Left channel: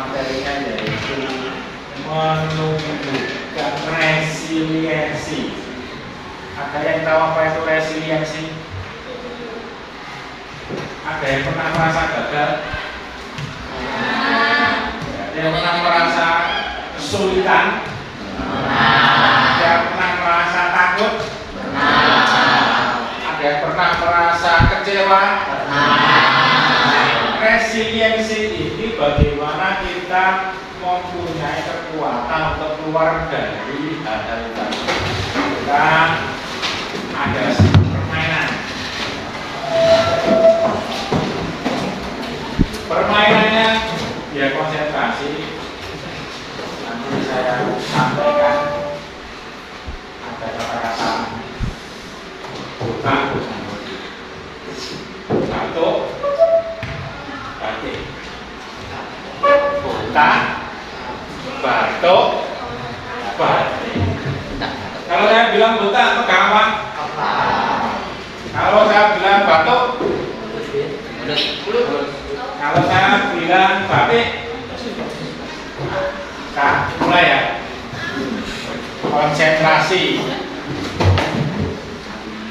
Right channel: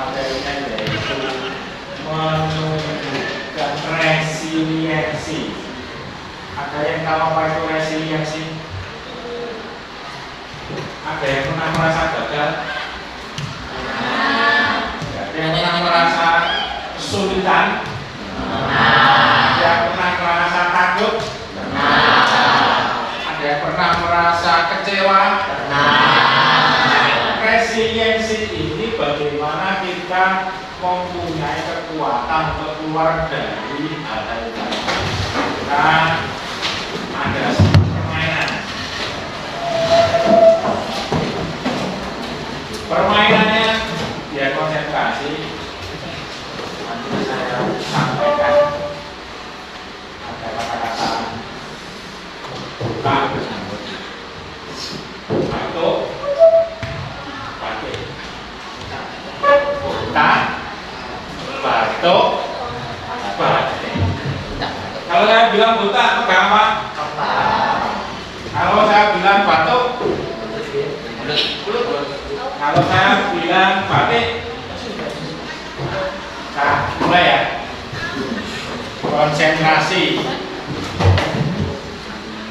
materinya yaitu menunjukkan resiliensi. Ada yang tahu apa itu resiliensi? Ada yang pernah merasa gagal? Ada yang pernah merasa kesulitan? Ada yang pernah merasa takut? Ada yang pernah merasa kecewa? Resiliensi ini bagaimana kita mempunyai kekuatan untuk keluar dari hal-hal tadi. Kita ada permainan. Permainannya ya konsentrasi. Nanti saya sampaikan ada kata-kata buka, batuk, batik, buka, batuk, batik. Kalau saya bilang buta, pegang apa? Kalau saya bilang batuk, kalau saya bilang batik, nah mulai ya. Konsentrasi.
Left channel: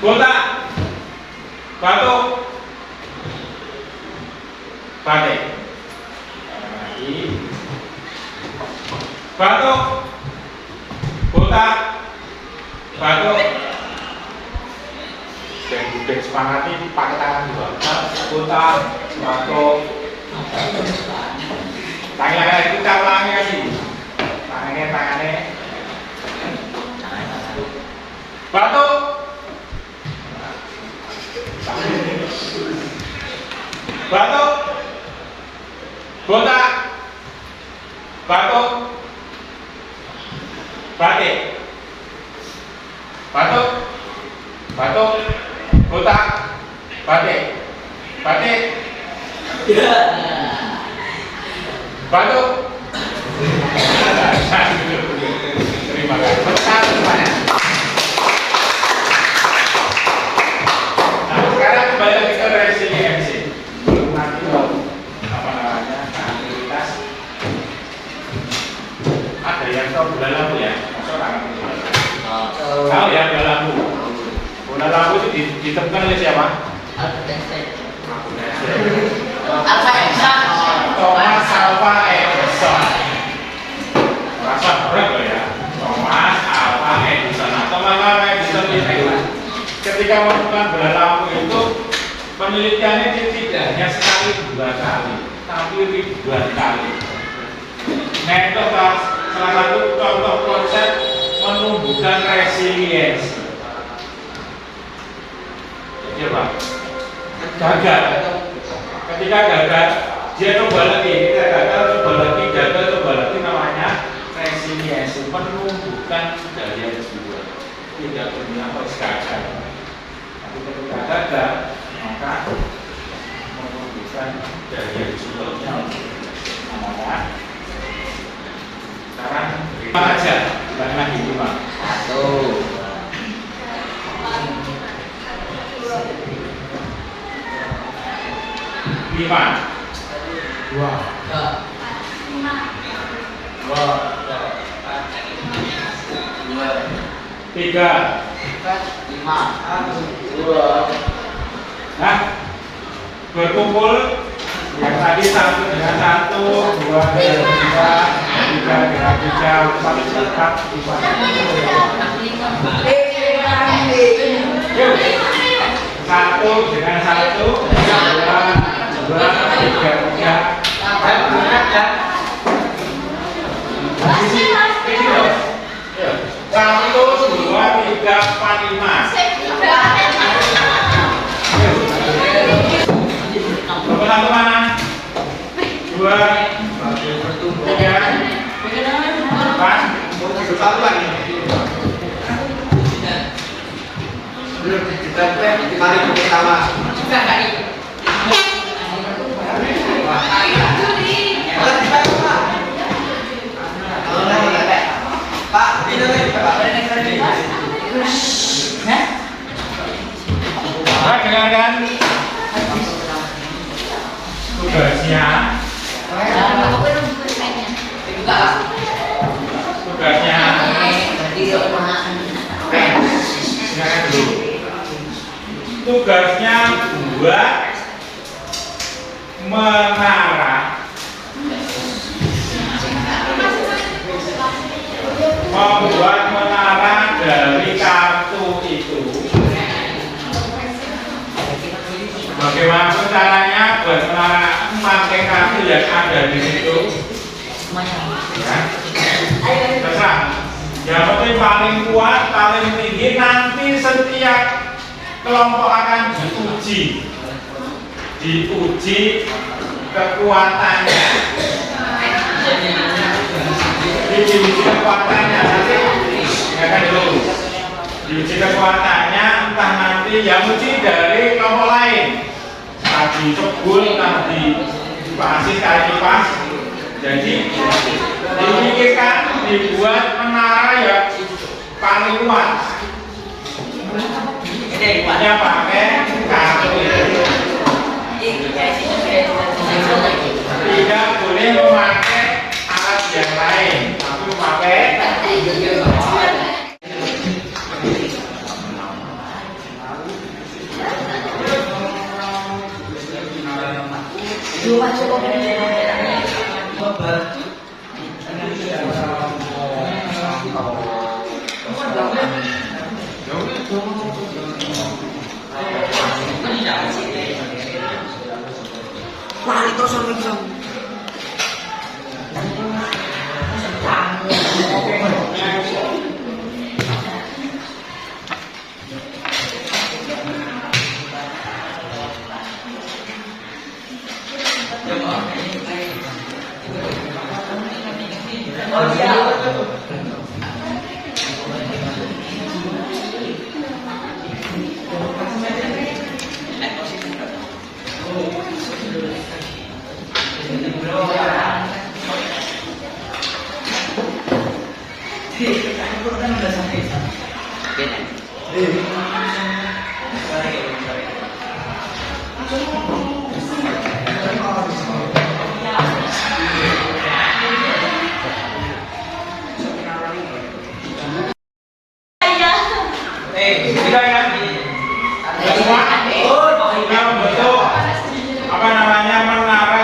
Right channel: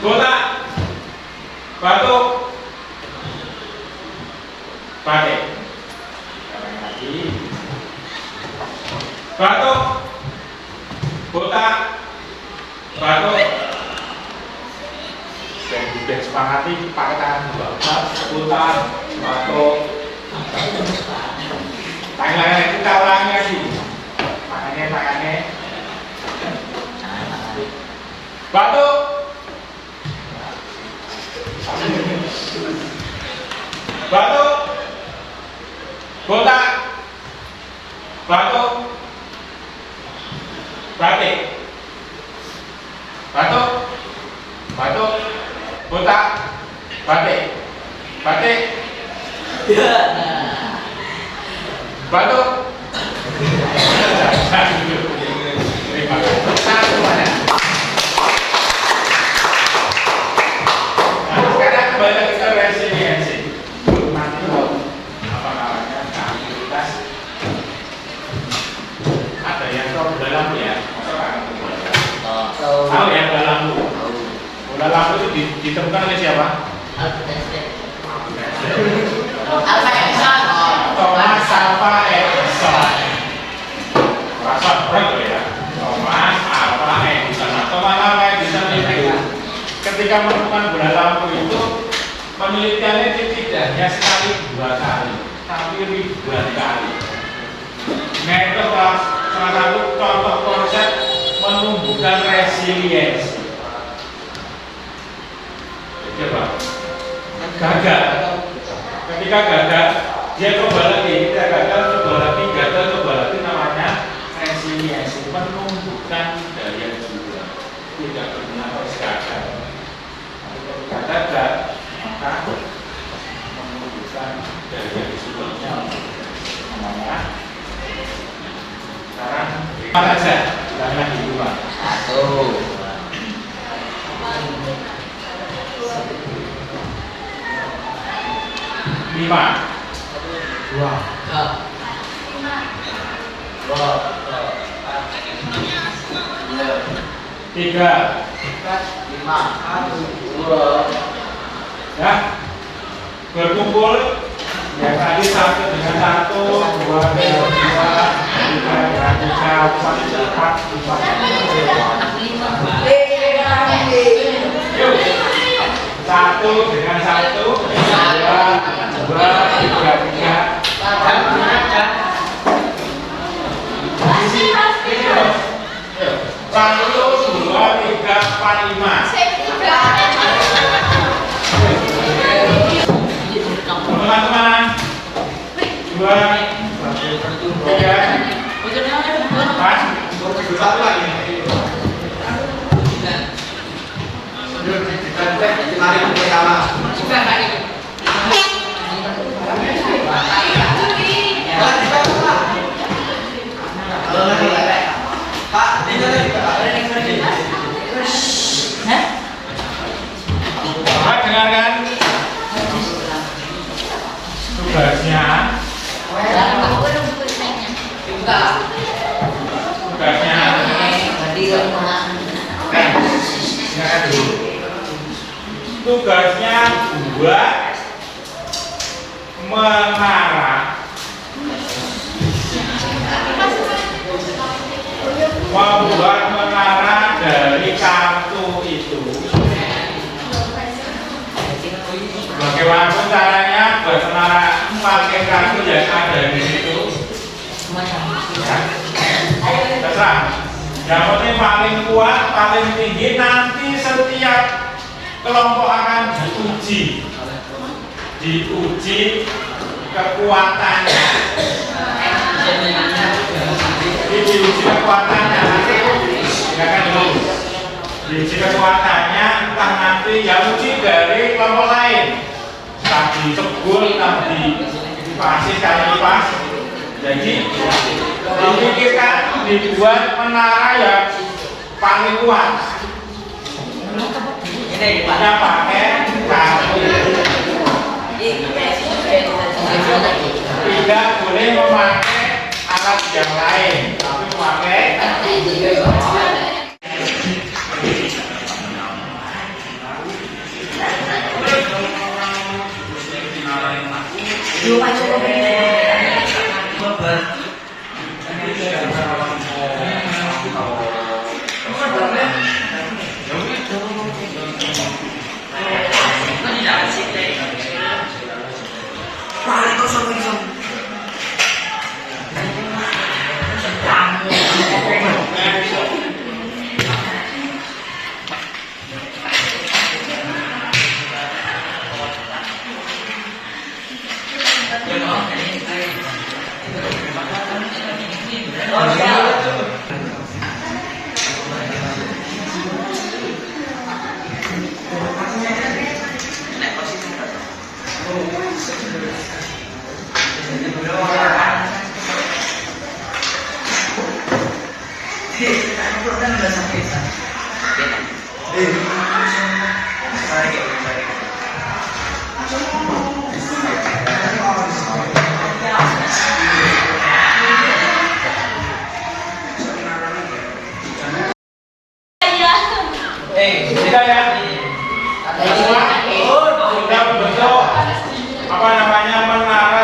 Buta, batuk, batik. Lagi. Batuk, buta, batuk. Dan budek sepakati pakai tangan dua. Buta, batuk. Tangan kita ulangi lagi. Tangannya. Batuk. Batuk. Botak. Batuk. Batik. Batuk. Batuk. Botak. Batik. Batik. Ya. Batuk. Terima kasih. Nah, sekarang kembali lagi ke resiliensi. Nanti apa namanya aktivitas. Ada yang tahu bola lampu ya? Tahu ya bola lampu? Bola lampu itu ditemukan oleh siapa? Thomas Alva Edison. Bahasa berat ya. Thomas Alva Edison. Thomas Alva Edison ini ketika menemukan bola lampu itu penelitiannya tidak hanya sekali dua kali, tapi ribuan kali. Nah itu salah satu contoh konsep menumbuhkan resiliensi. Coba gagal. Ketika gagal, dia coba lagi. Ketika gagal, coba lagi, namanya resiliensi, menumbuhkan daya jiwa. Tidak pernah gagal. Tapi ketika gagal, maka menumbuhkan daya jiwa. Namanya. Sekarang mana saja? Jangan dilupa. 1. Lima. 2. 5. 3. 5. 2. Nah, berkumpul yang tadi satu dengan satu, 2 dengan 2, 3 dengan 3, 4 dengan 4, 5. Yuk, 1 dengan 1, 2, 3. Sisi, yuk. 1, 2, 3, 4, 5. Teman-teman, 2, 3, 4, 1 lagi. Mari bersama. Pak, ini lagi Pak. Dengarkan tugasnya tugasnya buat menara, membuat menara dari kartu itu. Bagaimana caranya buat menara pakai kartu yang ada di situ? Terserah. Yang penting paling kuat, paling tinggi, nanti setiap kelompok akan diuji kekuatannya. Diuji kekuatannya nanti, dengarkan dulu. Diuji kekuatannya entah nanti yang uji dari kelompok lain. Tadi sebul, tadi pasif, kali pas. Jadi dipikirkan dibuat menara yang paling kuat. Hanya pakai kartu. Tidak boleh memakai alat yang lain, tapi memakai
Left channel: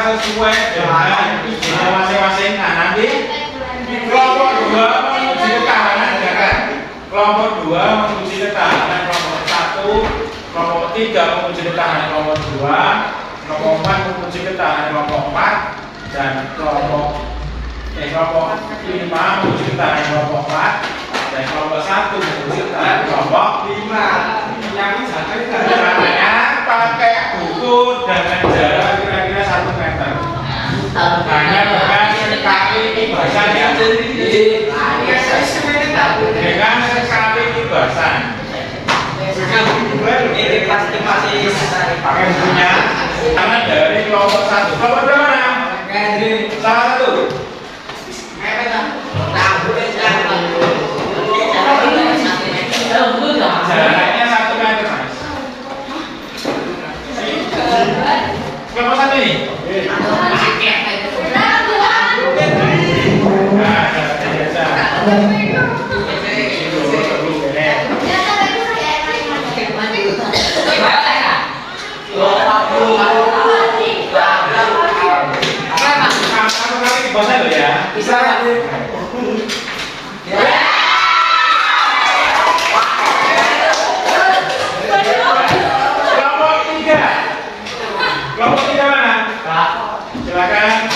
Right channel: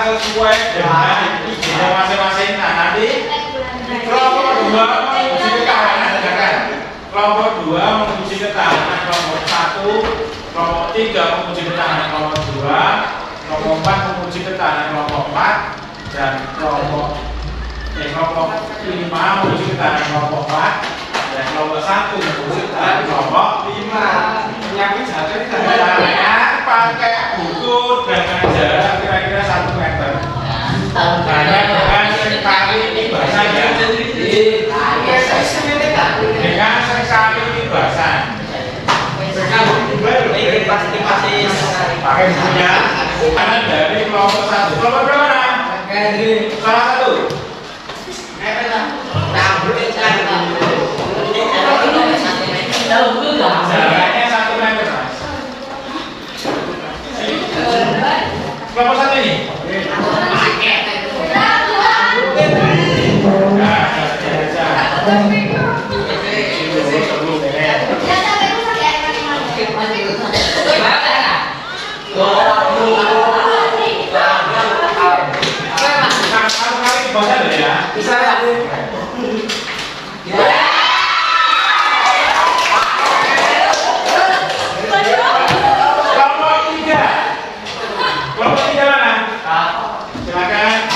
sesuai dengan ide masing-masing. Nah, nanti kelompok 2 menguji ketahanan, kan? Kelompok 2 menguji ketahanan kelompok 1, kelompok 3 menguji ketahanan kelompok 2, kelompok 4 menguji ketahanan kelompok 4, dan kelompok 5 menguji ketahanan kelompok 4, dan kelompok 1 menguji ketahanan kelompok 5. Yang caranya pakai buku dengan jarak kira-kira 1 meter. Hanya dengan sekali ibasan ya. Dengan sekali ibasan. Pakai bukunya. Karena dari kelompok 1. Kelompok berapa mana? Salah satu. Jaraknya 1 meter. Kelompok 1 ini. Bosan ya? Bisa ya? Kelompok 3. Kelompok 3 mana? Silakan.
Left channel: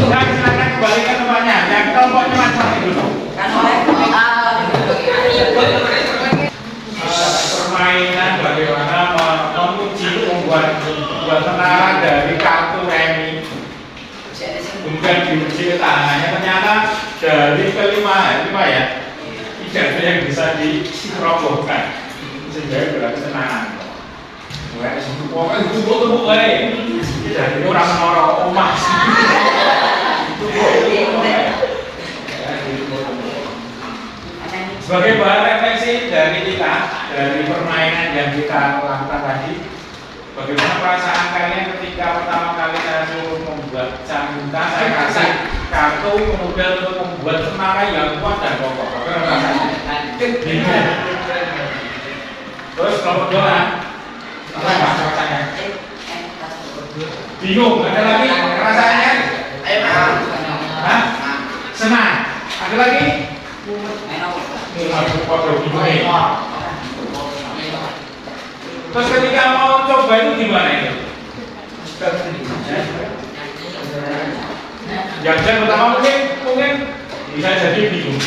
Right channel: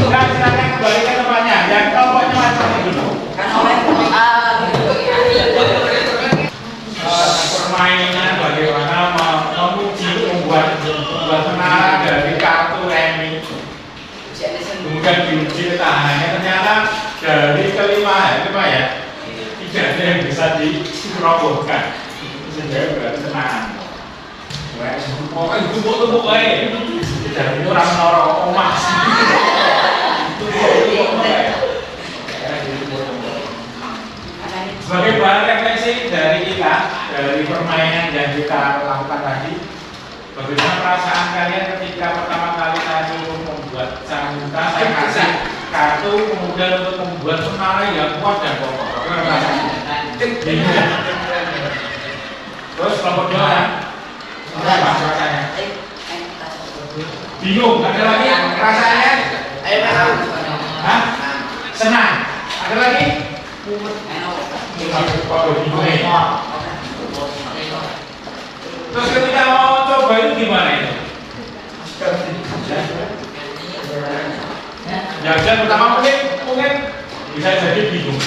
silakan kembali ke tempatnya. Yang kelompoknya masing-masing dulu. Permainan bagaimana menguji membuat menara dari kartu remi, kemudian diuji ketahanannya. Ternyata dari kelima ya tidak ada yang bisa dirobohkan, sehingga berarti tenang. Pokoknya tumpuk-tumpuk aja. Jadi orang menara omah. Sebagai bahan refleksi dari kita, dari permainan yang kita lakukan tadi, bagaimana perasaan kalian ketika pertama kali saya suruh membuat sambutan, saya kasih kartu kemudian untuk membuat menara yang kuat dan kokoh. Bagaimana perasaannya? Bingung. Terus kelompok dua, apa rasanya? Bingung. Ada lagi rasanya? Hah? Senang. Ada lagi? Terus ketika mau coba itu gimana itu? Jangan pertama mungkin bisa jadi bingung.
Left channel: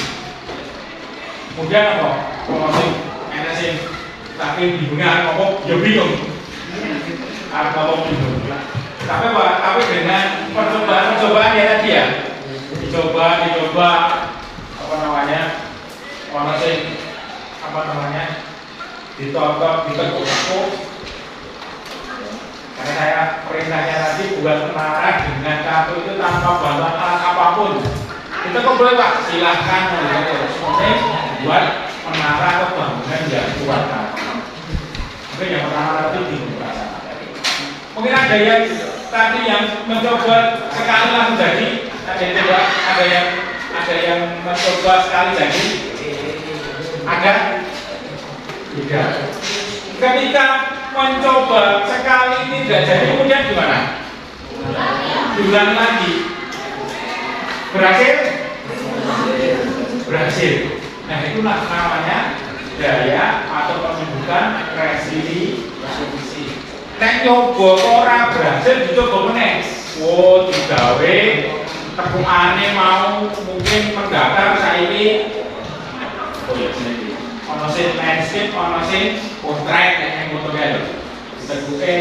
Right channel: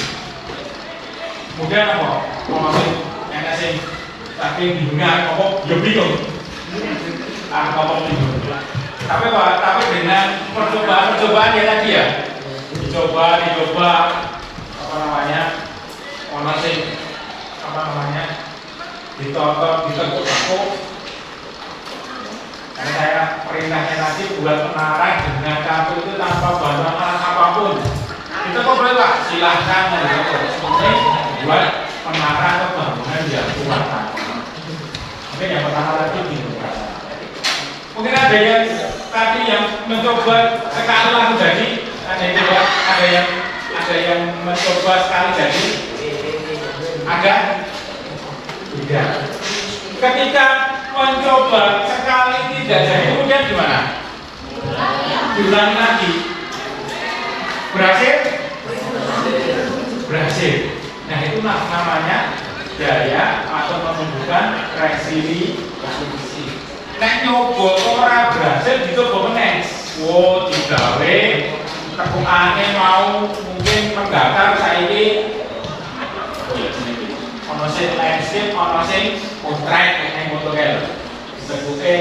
Kemudian apa? Kalau masih enak sih, tapi bingungnya apa? Ya bingung. Apa bingung? Tapi dengan percobaan ya tadi ya, dicoba apa namanya? Ditonton, ditekuk-tekuk. Karena saya perintahnya tadi buat menara dengan kartu itu tanpa bantuan alat apapun. Itu kok boleh Pak? Silahkan melihat buat menara atau bangunan yang kuat. Mungkin yang pertama tadi dibuka. Mungkin ada yang tadi yang mencoba sekali langsung jadi, ada yang mencoba sekali jadi. Ada? Tidak. Ketika mencoba sekali tidak jadi, kemudian gimana? Diulangi lagi. Berhasil? Berhasil. Nah itulah namanya daya atau menunjukkan resiliensi. Nek nyoba ora berhasil dicoba meneh. Wo digawe tekukane mau mungkin mendaftar saiki. Oh ya sini. Ono sing landscape, ono sing portrait kayak fotonya. Bentuknya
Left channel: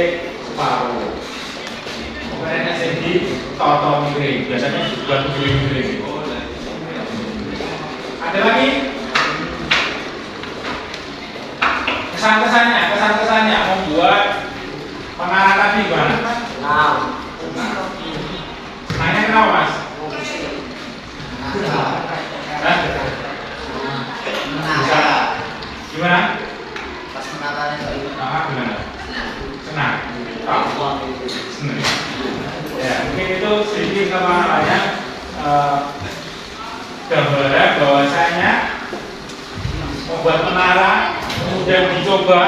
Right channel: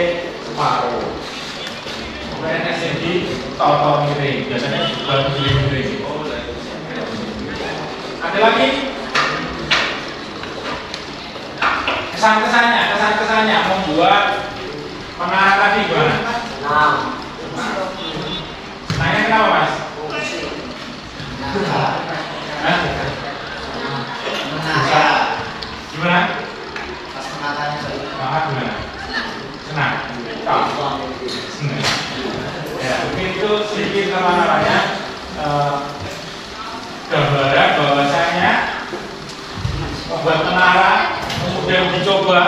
separuh. Pokoknya sing di toto miring. Biasanya juga miring. Ada lagi? Kesan-kesannya membuat menara tadi gimana? Senangnya kenapa Mas? Gimana? Pas menaranya Gimana? Senang? Senang. Ya, mungkin itu sedikit kemana-mana gambaran bahwasanya membuat menara kemudian dicoba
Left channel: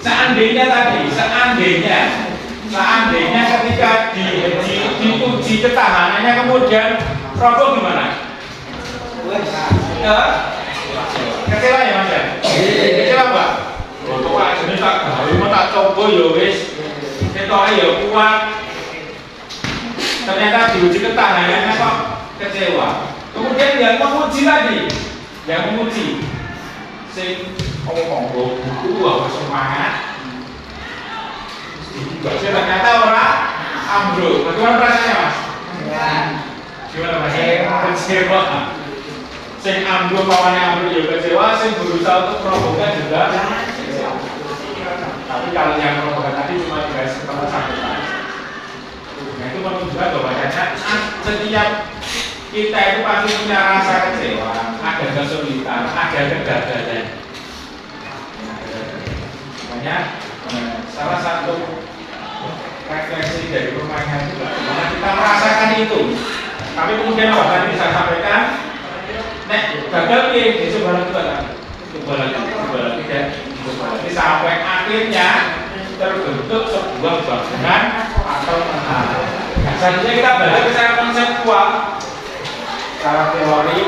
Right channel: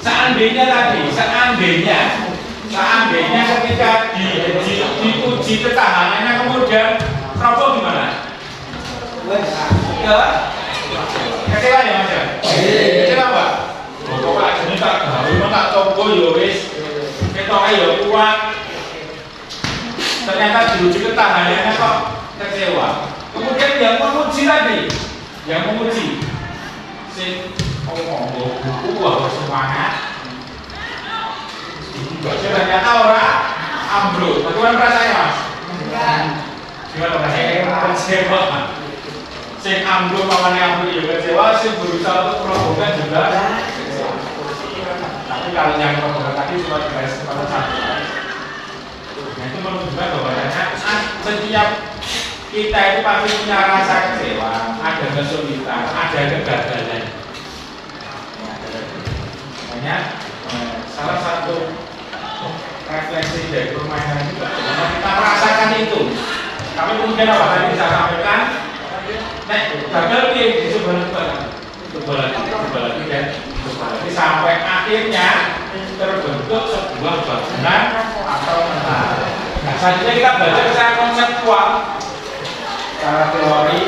seandainya ketika diuji ketahanannya kemudian roboh gimana? Kecewa ya Mas ya? Kecewa Pak? Pokoknya jenis tak gawe tak coba ya wis ketoknya ya kuat. Ternyata diuji ketahanannya kok kecewa. Kemudian yang menguji tadi, sing ngomong buku harus semangat. Dibaca ternyata orang ambruk. Bagaimana rasanya Mas? Gimana rasanya? Kecewa. Sing ambruk mamanya ambruk juga kecewa, sing berusaha untuk merobohkan juga kecewa. Tapi kalau yang merobohkan tadi cuma guys pada satu. Nah itu menunjukkan bahwasanya setiap kita itu pasti punya rasa kecewa, ada kesulitan, ada kegagalan. Makanya salah satu refleksi dari permainan juga, karena kita merasakan itu. Kami kemudian apa tadi bisa sampaikan, nek gagal nih coba lagi dan sampai akhirnya terbentuk sebuah bangunan atau menara. Nah, selanjutnya kita belajar secara konseptual, secara teori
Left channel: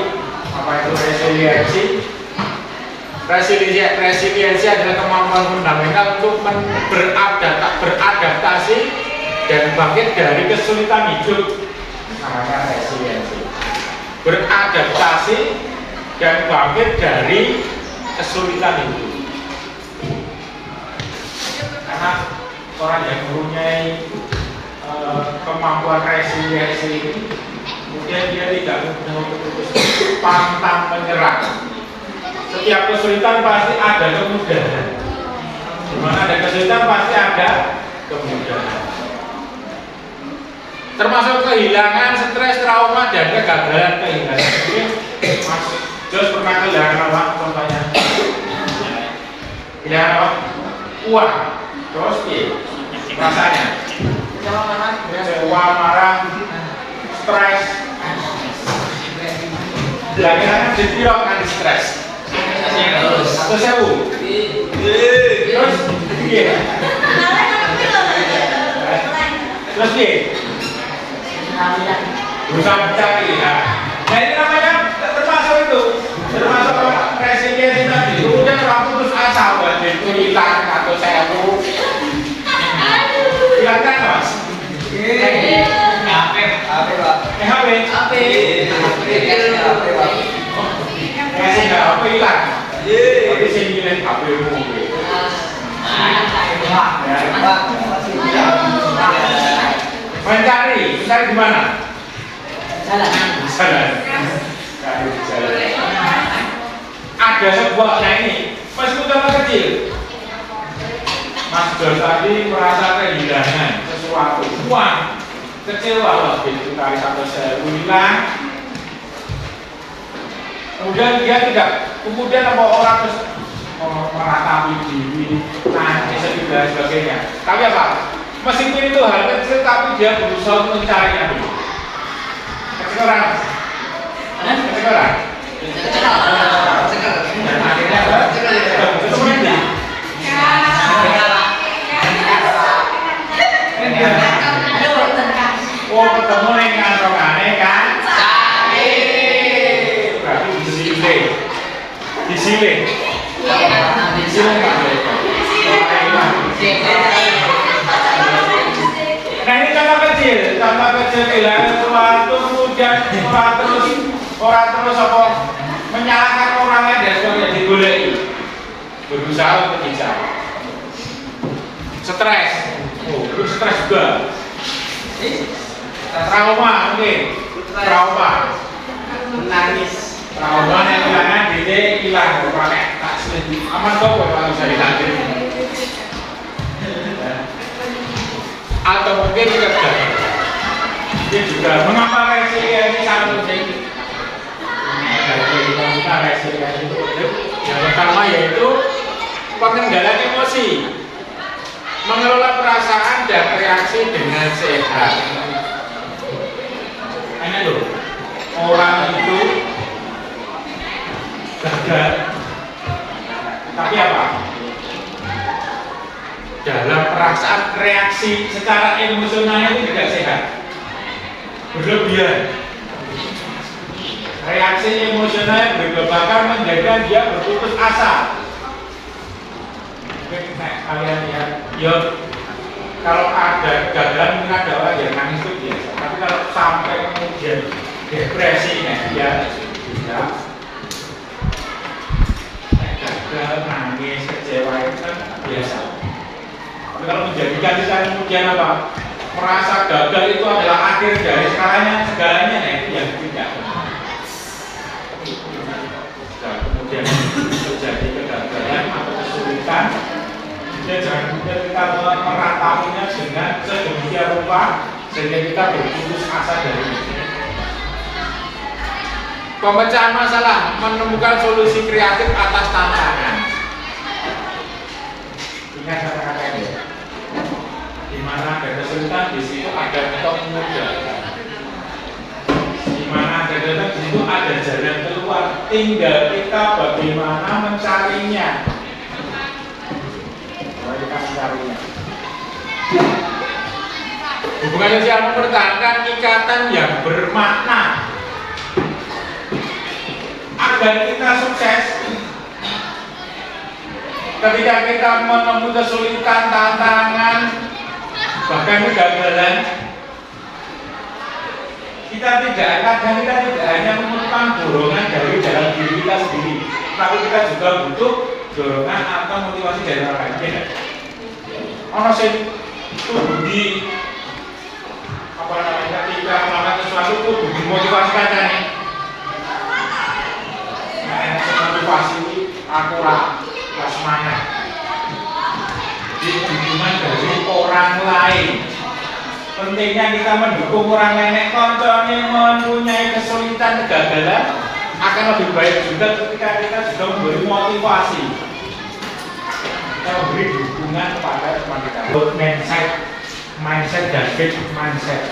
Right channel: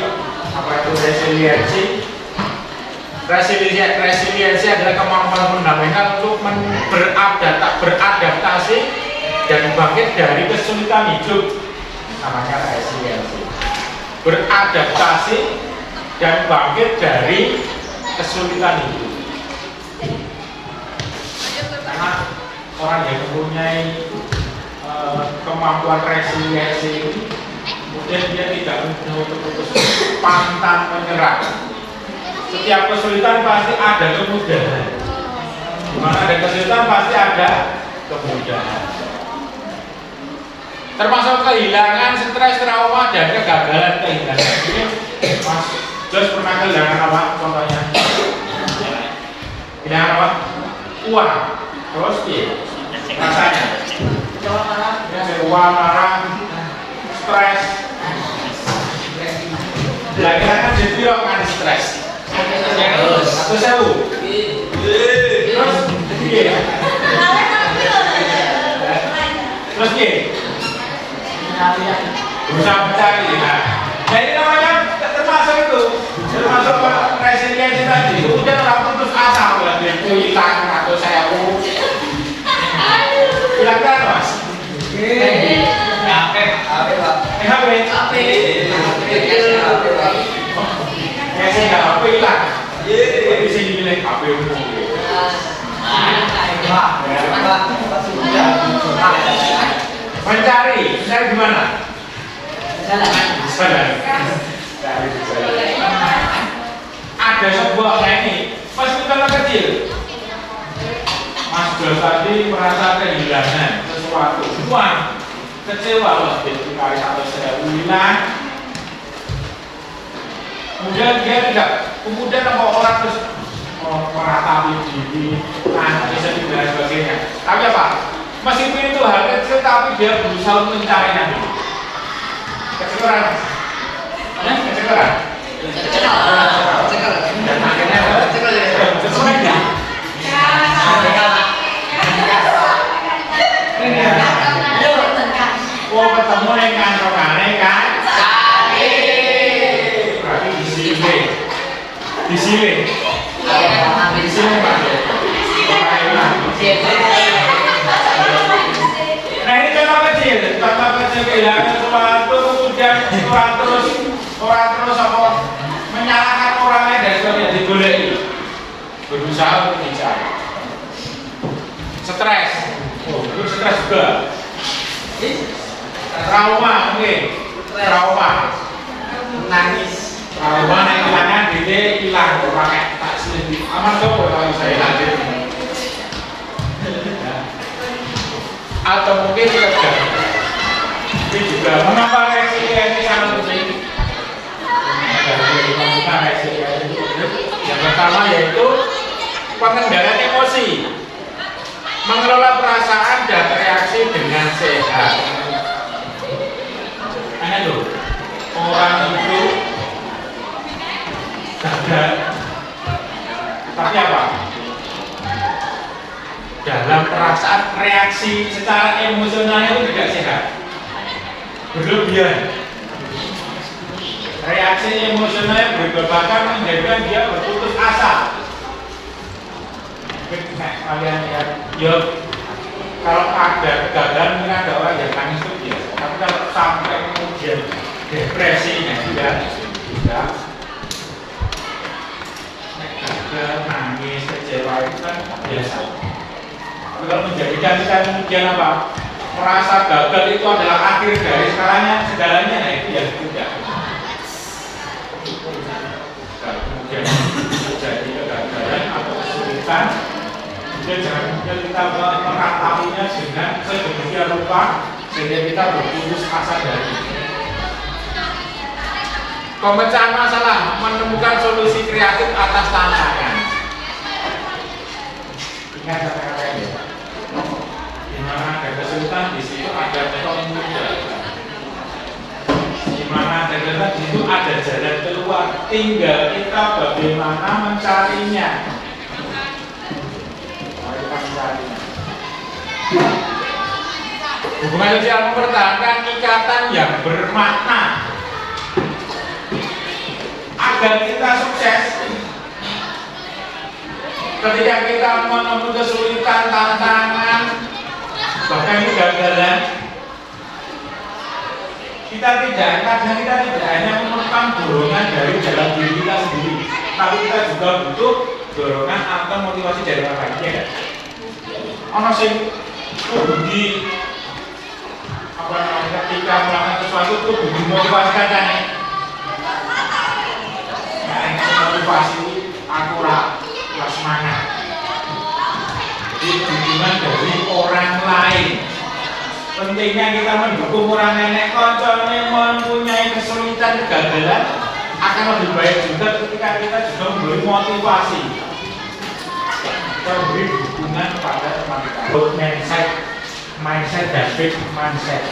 apa itu resiliensi. Resiliensi adalah kemampuan fundamental untuk beradaptasi dan bangkit dari kesulitan hidup. Namanya resiliensi. Beradaptasi dan bangkit dari kesulitan hidup. Karena orang yang mempunyai kemampuan resiliensi ini, kemudian dia tidak mudah untuk putus pantang menyerah. Setiap kesulitan pasti ada kemudahan. Di mana ada kesulitan pasti ada kemudahan. Termasuk kehilangan, stres, trauma, dan kegagalan kehilangan. Mas Jos pernah kehilangan apa? Contohnya kehilangan apa? Uang. Terus rasanya uang, marah, stres. Kira-kira dipilok kan stres. Atau sewu. Terus iya. Terus iya. Berusaha mencari. Nah ini namanya termasuk itu. Termasuk resiliensi tadi. Kemudian orang putus asa buat kesulitan atau sewu. Kira-kira apa, Mas? HP. HP lah. Tapi sini pilih HP umum. Mencari, mencari di mana? Di sana. Ada sebuah ini, meskipun kecil. Mas Jos tadi merasa kehilangan sesuatu, uang kecewa lah, dicari atau sewu hilang. Kemudian dia tidak, kemudian orang terus meratapi diri, nangis dan sebagainya. Tapi apa? Meskipun itu hal kecil, tapi dia berusaha untuk mencarinya dulu. Kecewa, kecewa. Dan akhirnya oh ketemu yang kantongane kan? Cari. Berarti di sini Pak. Nah ini contoh kecil kehilangan sesuatu kemudian orang terus apa menyalahkan orang lain dan sebagainya digoleki. Berusaha untuk dicari. Stres. Oh, itu stres juga. Trauma mungkin. Trauma. Menangis. Trauma yang karena dia hilang pakai taksi. Sama coba kalau saya tadi. Atau mungkin gagal. Ini juga mengapa resiliensi kalau terjadi? Yang pertama yaitu pengendalian emosi, mengelola perasaan dan reaksi dengan sehat. Karena itu orang itu gagal, tapi apa? Dalam perasaan reaksi secara emosional itu tidak sehat, berlebihan. Reaksi emosional berlebihan menjadikan dia berputus asa. Kalian lihat, yuk, kalau ada kegagalan mungkin ada orang yang nangis itu biasa. Tapi kalau sampai kemudian depresi, dia tidak. Gagal, nangis, kecewa itu kan biasa. Tapi kalau menjadikan kita kemudian apa? Merasa gagal itu adalah akhir dari segalanya, nah itu yang tidak. Dan kemudian terjadi kegagalan atau kesulitan. Dan jangan kemudian kita meratapinya dengan sedemikian rupa sehingga kita berputus asa dari itu. Pemecahan masalah, menemukan solusi kreatif atas tantangan. Ingat kata-kata ini. Di mana ada kesulitan, di situ ada metode mudah. Di mana ada kesulitan, di situ ada jalan keluar. Tinggal kita bagaimana mencarinya. Hubungan sosial mempertahankan ikatan yang bermakna. Agar kita sukses, Ketika kita menemui kesulitan, tantangan, bahkan kegagalan, kita tidak hanya memerlukan dorongan dari dalam diri kita sendiri, tapi kita juga butuh dorongan atau motivasi dari orang lain. Ono sing di apa namanya, ketika melakukan sesuatu itu butuh motivasi katanya. Motivasi akurat, semangat. Jadi dukungan dari orang lain. Pentingnya kita mendukung orang lain. Contohnya mempunyai kesulitan, kegagalan, akan lebih baik juga ketika kita juga memberi motivasi, kita beri dukungan kepada teman kita. Mindset dan fixed mindset.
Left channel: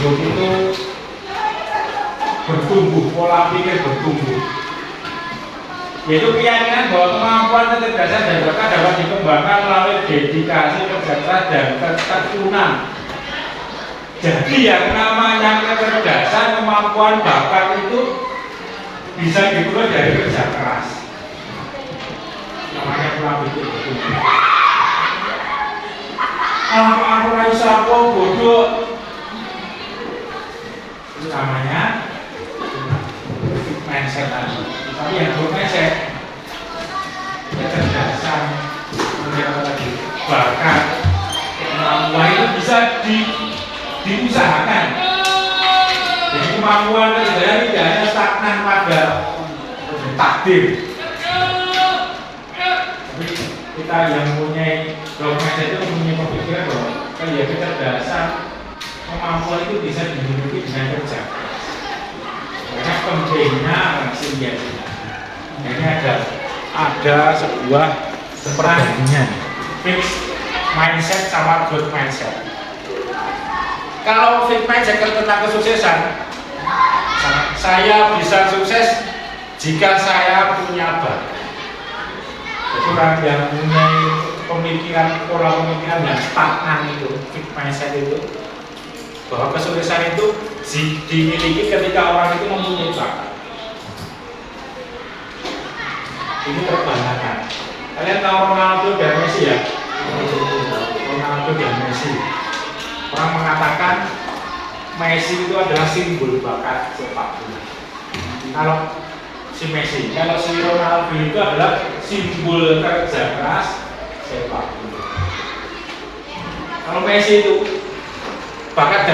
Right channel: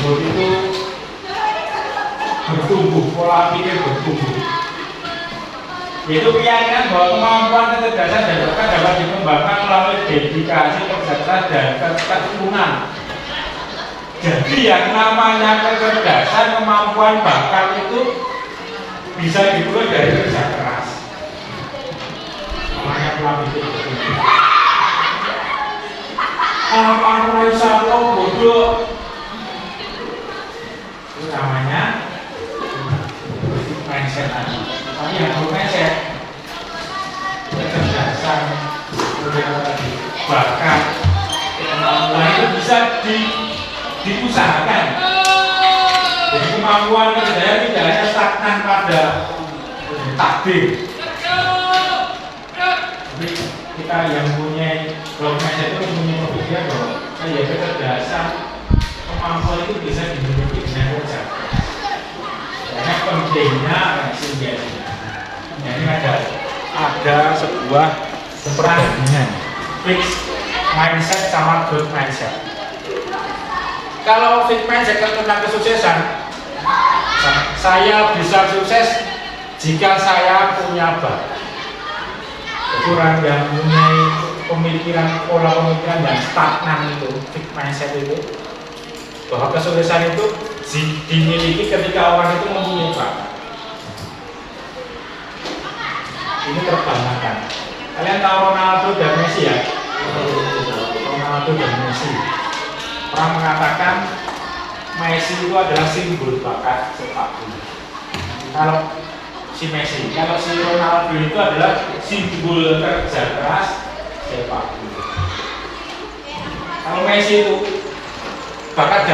Growth itu bertumbuh, pola pikir bertumbuh. Yaitu keyakinan bahwa kemampuan, kecerdasan dan bakat dapat dikembangkan melalui dedikasi, kerja keras dan ketekunan. Jadi yang namanya kecerdasan, kemampuan, bakat itu bisa diperoleh dari kerja keras. Namanya pola pikir bertumbuh. Aku bisa bodoh. Itu namanya mindset tadi. Tapi yang perlu mindset, kecerdasan, bakat, kemampuan itu bisa diusahakan. Jadi kemampuan saya tidak hanya stagnan pada takdir. Tapi kita yang mempunyai growth mindset itu mempunyai pemikiran bahwa kecerdasan, kemampuan itu bisa dimiliki dengan kerja. Karena pentingnya sinergi. Ini ada sebuah perbandingan fixed mindset sama growth mindset. Kalau fixed mindset tentang kesuksesan, saya bisa sukses jika saya punya bakat. Itu orang yang mempunyai pemikiran, pola pemikiran yang stagnan itu, fixed mindset itu, bahwa kesuksesan itu dimiliki ketika orang itu mempunyai bakat. Ini terbantahkan. Kalian tahu Ronaldo dan Messi ya? Ronaldo dan Messi. Orang mengatakan Messi itu adalah simbol bakat sepak bola. Kalau si Messi, kalau si Ronaldo itu adalah simbol kerja keras sepak bola. Kalau Messi itu bakat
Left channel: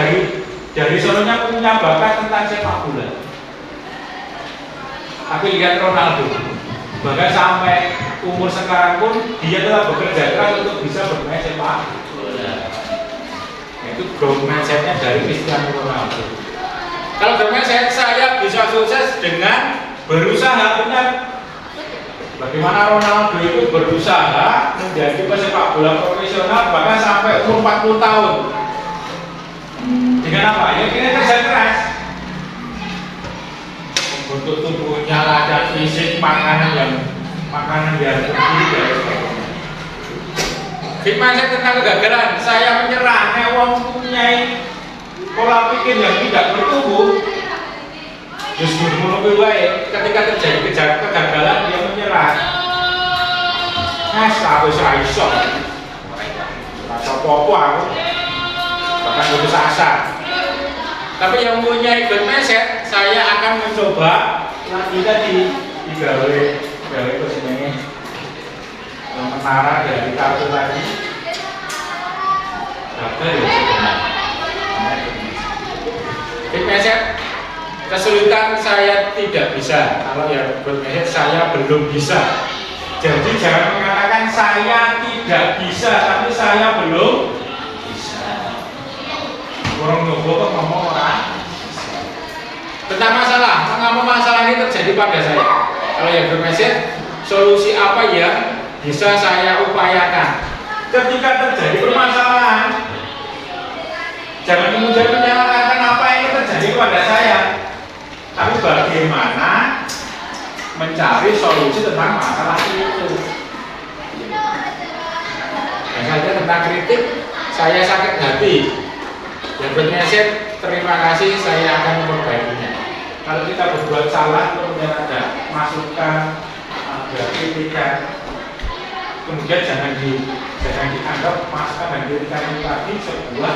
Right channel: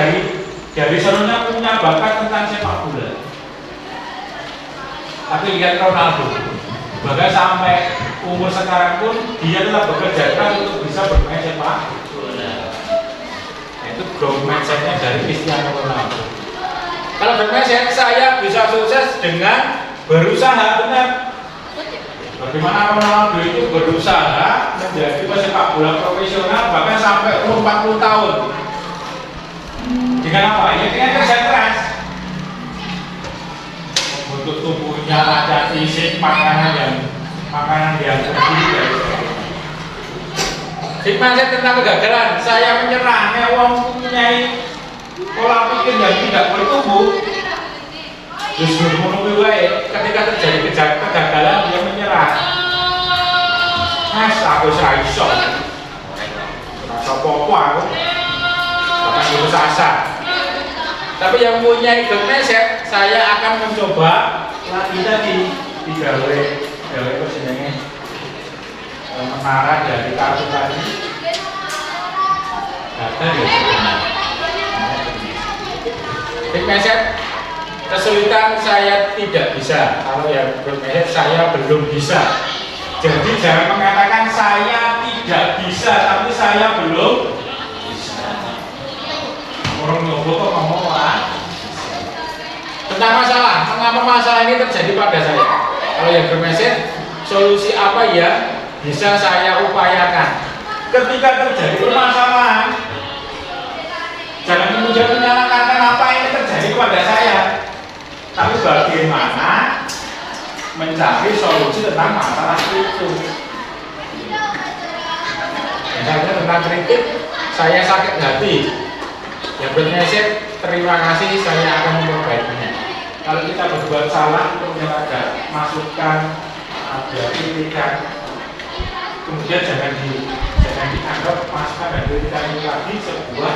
dari sononya punya bakat tentang sepak bola. Tapi lihat Ronaldo, bahkan sampai umur sekarang pun dia tetap bekerja keras untuk bisa bermain sepak bola. Itu growth mindsetnya dari Cristiano Ronaldo. Kalau growth mindset, saya bisa sukses dengan berusaha. Benar. Bagaimana Ronaldo itu berusaha menjadi pesepak bola profesional bahkan sampai umur 40 tahun. Dengan apa? Ya dengan kerja keras. Untuk tubuhnya ada fisik, makanan yang berbeda. Fixed mindset tentang kegagalan, saya menyerah. Wong mempunyai pola pikir yang tidak bertumbuh. Justru menunggu ketika terjadi kegagalan dia menyerah. Aku iso. Rasa apa-apa aku. Bahkan putus asa. Tapi yang mempunyai growth mindset, saya akan mencoba lagi tadi digawe persenengnya menara dari kartu tadi. Daftar ya sebenarnya. Growth mindset, kesulitan saya tidak bisa. Kalau yang growth mindset saya belum bisa. Jadi jangan mengatakan saya tidak bisa, tapi saya belum. Orang nyoba kok ngomong orang tentang masalah, mengapa masalah ini terjadi pada saya. Kalau yang bermeset, solusi apa yang bisa saya upayakan ketika terjadi permasalahan. Jangan kemudian menyalahkan kenapa ini terjadi kepada saya, tapi bagaimana mencari solusi tentang masalah itu. Misalnya tentang kritik, saya sakit hati. Yang bermeset, terima kasih, saya akan memperbaikinya. Kalau kita berbuat salah, kemudian ada masukan ada kritikan, kemudian jangan dianggap masukan dan kritikan itu tadi sebuah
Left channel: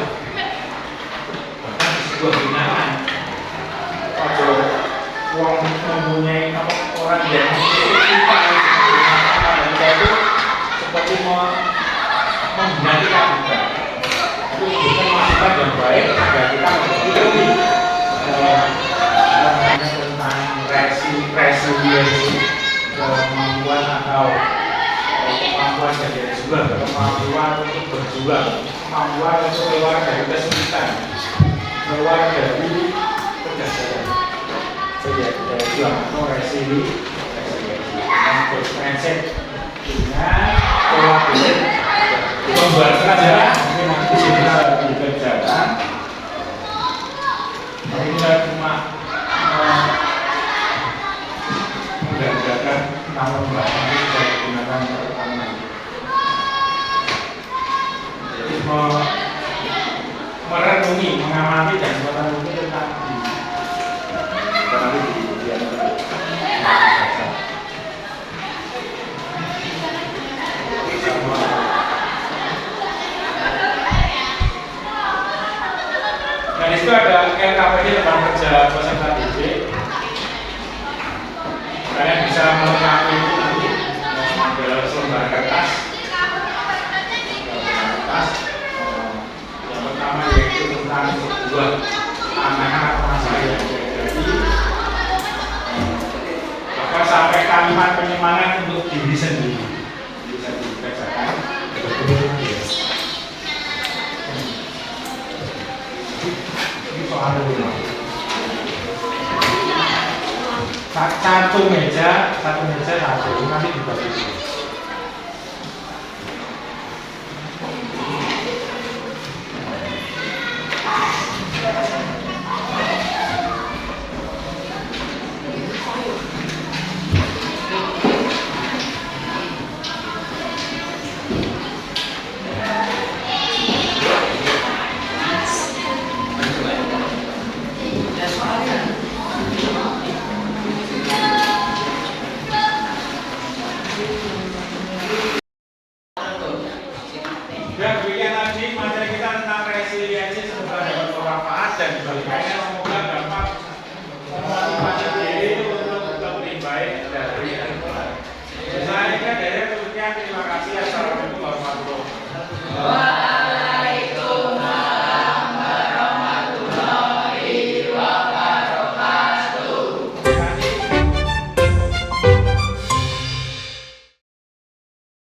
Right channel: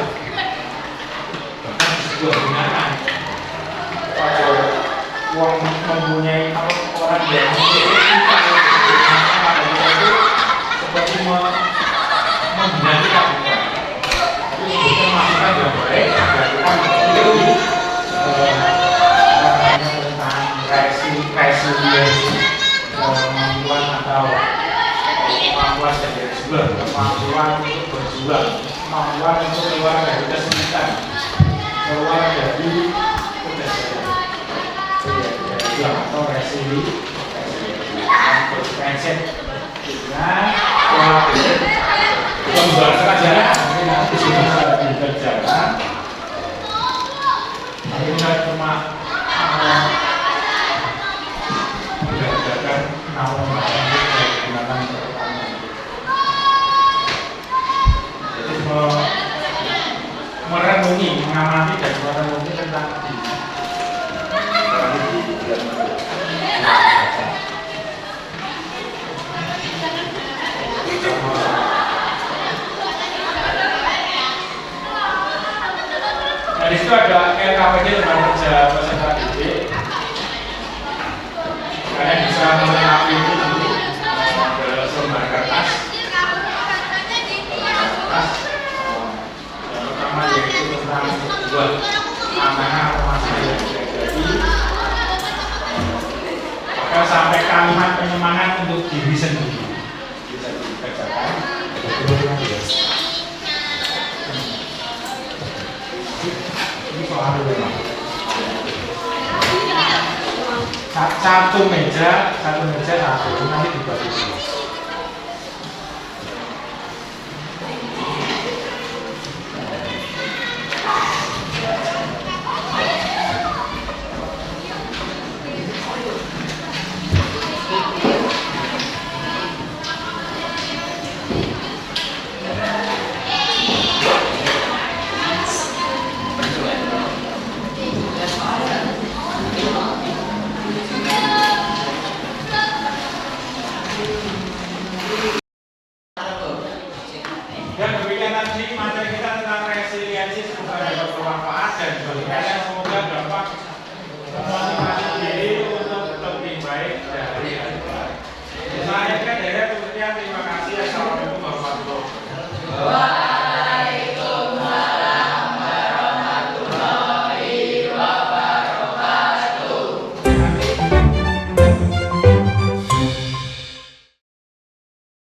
binaan. Kalau uang mempunyai orang yang kita itu seperti membina kita. Itu bukan masukan yang baik agar kita mengikuti tentang resiliensi kemampuan atau kemampuan sebagai berjuang, kemampuan untuk berjuang, kemampuan untuk keluar dari kesulitan, keluar dari kegagalan. Berjuang atau resiliensi dengan berprinsip dengan kolaborasi membuat saja mungkin nanti sini ada dikerjakan. Tapi tidak cuma menggagalkan namun bahkan menggunakan pertanian. Jadi merenungi, mengamati dan merenungi tentang nah, di situ ada LKPD teman kerja peserta didik. Kalian bisa melengkapi itu nanti ada selembar kertas. Yang utama yaitu tentang sebuah amanah atau masalah yang terjadi. Maka sampai kalimat penyemangat untuk diri sendiri bisa dikerjakan. Ini soal rumah. Satu meja, nanti dibagi.